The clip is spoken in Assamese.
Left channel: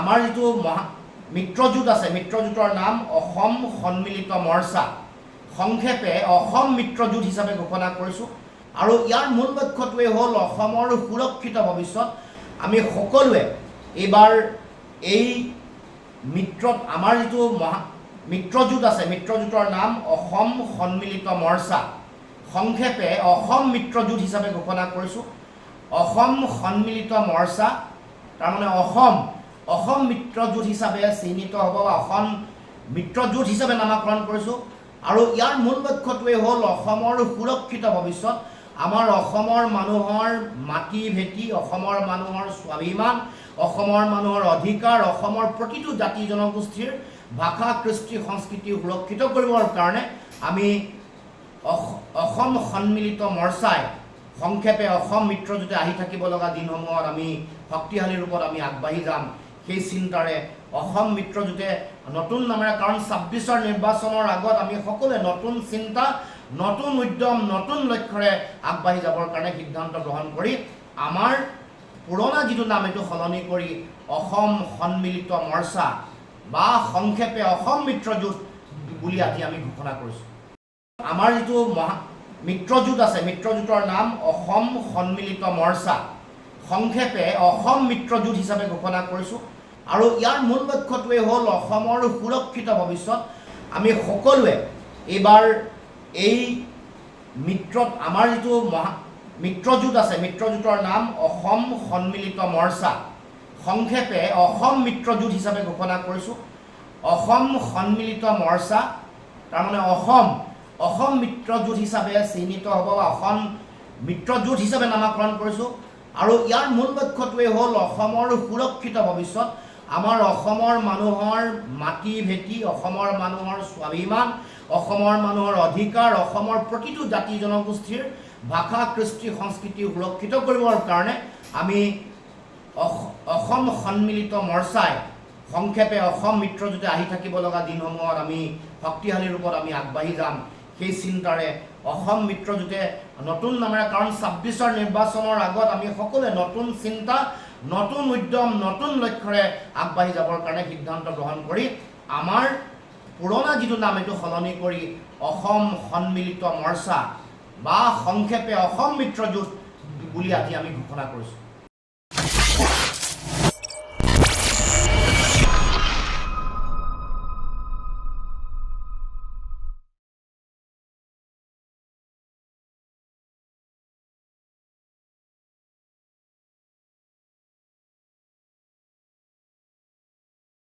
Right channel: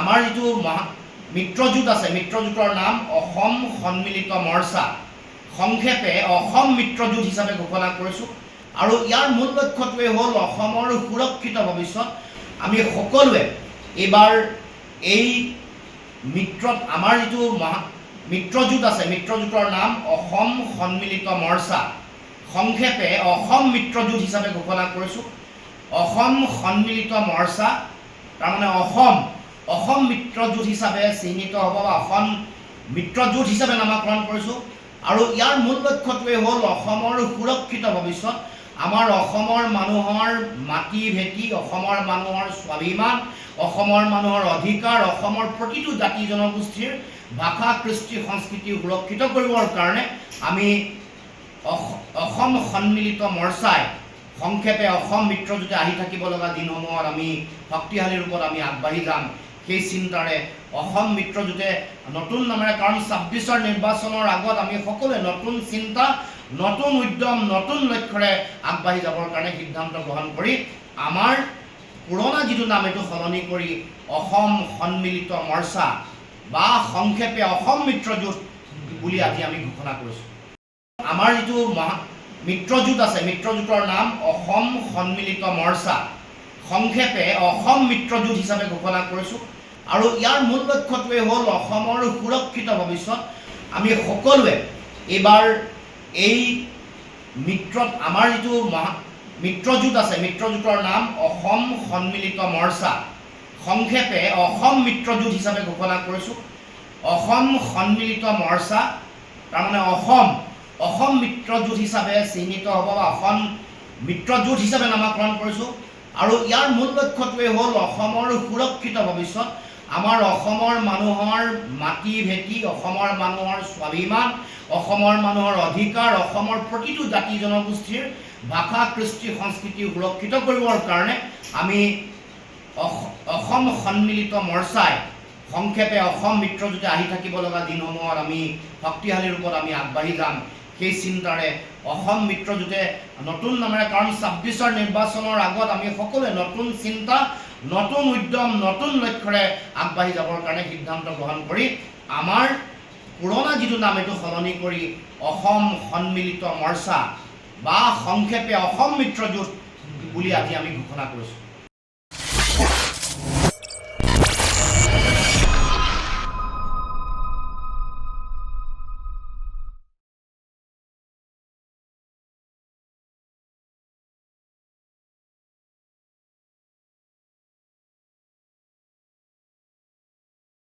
আমাৰ যিটো মিত্ৰজোঁট আছে, মিত্ৰজোঁটৰ নাম অসম সন্মিলিত মৰ্চা, সংক্ষেপে অসম মিত্ৰজোঁট হিচাপে ঘোষণা কৰিছোঁ। আৰু ইয়াৰ মূল লক্ষ্যটোৱে হ'ল অসমৰ সুৰক্ষিত ভৱিষ্যত। আমি সকলোৱে এইবাৰ এই আমাৰ যিটো মিত্ৰজোঁট আছে, মিত্ৰজোঁটৰ নাম অসম সন্মিলিত মৰ্চা, সংক্ষেপে অসম মিত্ৰজোঁট হিচাপে ঘোষণা কৰিছোঁ। অসম সন্মিলিত মৰ্চা তাৰমানে অসম মিত্ৰজোঁট হিচাপে চিহ্নিত হ'ব বা অসম মিত্ৰজোঁট হিচাপে নামাকৰণ কৰিছোঁ। আৰু ইয়াৰ মূল লক্ষ্যটোৱে হ'ল অসমৰ সুৰক্ষিত ভৱিষ্যত। আমাৰ অসমৰ মানুহৰ মাটি ভেটি, অসমৰ মানুহৰ স্বাভিমান, অসমৰ মানুহৰ অধিকাৰ, অসমৰ প্ৰতিটো জাতি জনগোষ্ঠীৰ ভাষা কৃষ্টি সংস্কৃতি সুৰক্ষিত কৰিবৰ কাৰণে আমি অসম সন্মিলিত মৰ্চাই সংক্ষেপে অসম মিত্ৰজোঁটে আহি থাকিব লগা দিনসমূহত আমি শক্তিশালী ৰূপত আমি আগবাঢ়ি যাম। সেই চিন্তাৰে অসম মিত্ৰজোঁটে নতুন নামেৰে, কাৰণ ২৬ৰ নিৰ্বাচনৰ আগত আমি সকলোৱে নতুন চিন্তা, নতুন উদ্যম, নতুন লক্ষ্যৰে আগবাঢ়ি যাবৰ কাৰণে সিদ্ধান্ত গ্ৰহণ কৰি আমাৰ পুৰণা যিটো নাম এইটো সলনি কৰি অসম সন্মিলিত মৰ্চা বা সংক্ষেপে অসম মিত্ৰজোঁট বুলি আজি আমি ঘোষণা কৰিছোঁ। আমাৰ যিটো মিত্ৰজোঁট আছে, মিত্ৰজোঁটৰ নাম অসম সন্মিলিত মৰ্চা, সংক্ষেপে অসম মিত্ৰজোঁট হিচাপে ঘোষণা কৰিছোঁ। আৰু ইয়াৰ মূল লক্ষ্যটোৱে হ'ল অসমৰ সুৰক্ষিত ভৱিষ্যত। আমি সকলোৱে এইবাৰ এই আমাৰ যিটো মিত্ৰজোঁট আছে, মিত্ৰজোঁটৰ নাম অসম সন্মিলিত মৰ্চা, সংক্ষেপে অসম মিত্ৰজোঁট হিচাপে ঘোষণা কৰিছোঁ। অসম সন্মিলিত মৰ্চা তাৰমানে অসম মিত্ৰজোঁট হিচাপে চিহ্নিত হ'ব বা অসম মিত্ৰজোঁট হিচাপে নামাকৰণ কৰিছোঁ। আৰু ইয়াৰ মূল লক্ষ্যটোৱে হ'ল অসমৰ সুৰক্ষিত ভৱিষ্যত। আমাৰ অসমৰ মানুহৰ মাটি ভেটি, অসমৰ মানুহৰ স্বাভিমান, অসমৰ মানুহৰ অধিকাৰ, অসমৰ প্ৰতিটো জাতি জনগোষ্ঠীৰ ভাষা কৃষ্টি সংস্কৃতি সুৰক্ষিত কৰিবৰ কাৰণে আমি অসম সন্মিলিত মৰ্চাই সংক্ষেপে অসম মিত্ৰজোঁটে আহি থাকিব লগা দিনসমূহত আমি শক্তিশালী ৰূপত আমি আগবাঢ়ি যাম। সেই চিন্তাৰে অসম মিত্ৰজোঁটে নতুন নামেৰে, কাৰণ ২৬ৰ নিৰ্বাচনৰ আগত আমি সকলোৱে নতুন চিন্তা, নতুন উদ্যম, নতুন লক্ষ্যৰে আগবাঢ়ি যাবৰ কাৰণে সিদ্ধান্ত গ্ৰহণ কৰি আমাৰ পুৰণা যিটো নাম এইটো সলনি কৰি অসম সন্মিলিত মৰ্চা বা সংক্ষেপে অসম মিত্ৰজোঁট বুলি আজি আমি ঘোষণা কৰিছোঁ।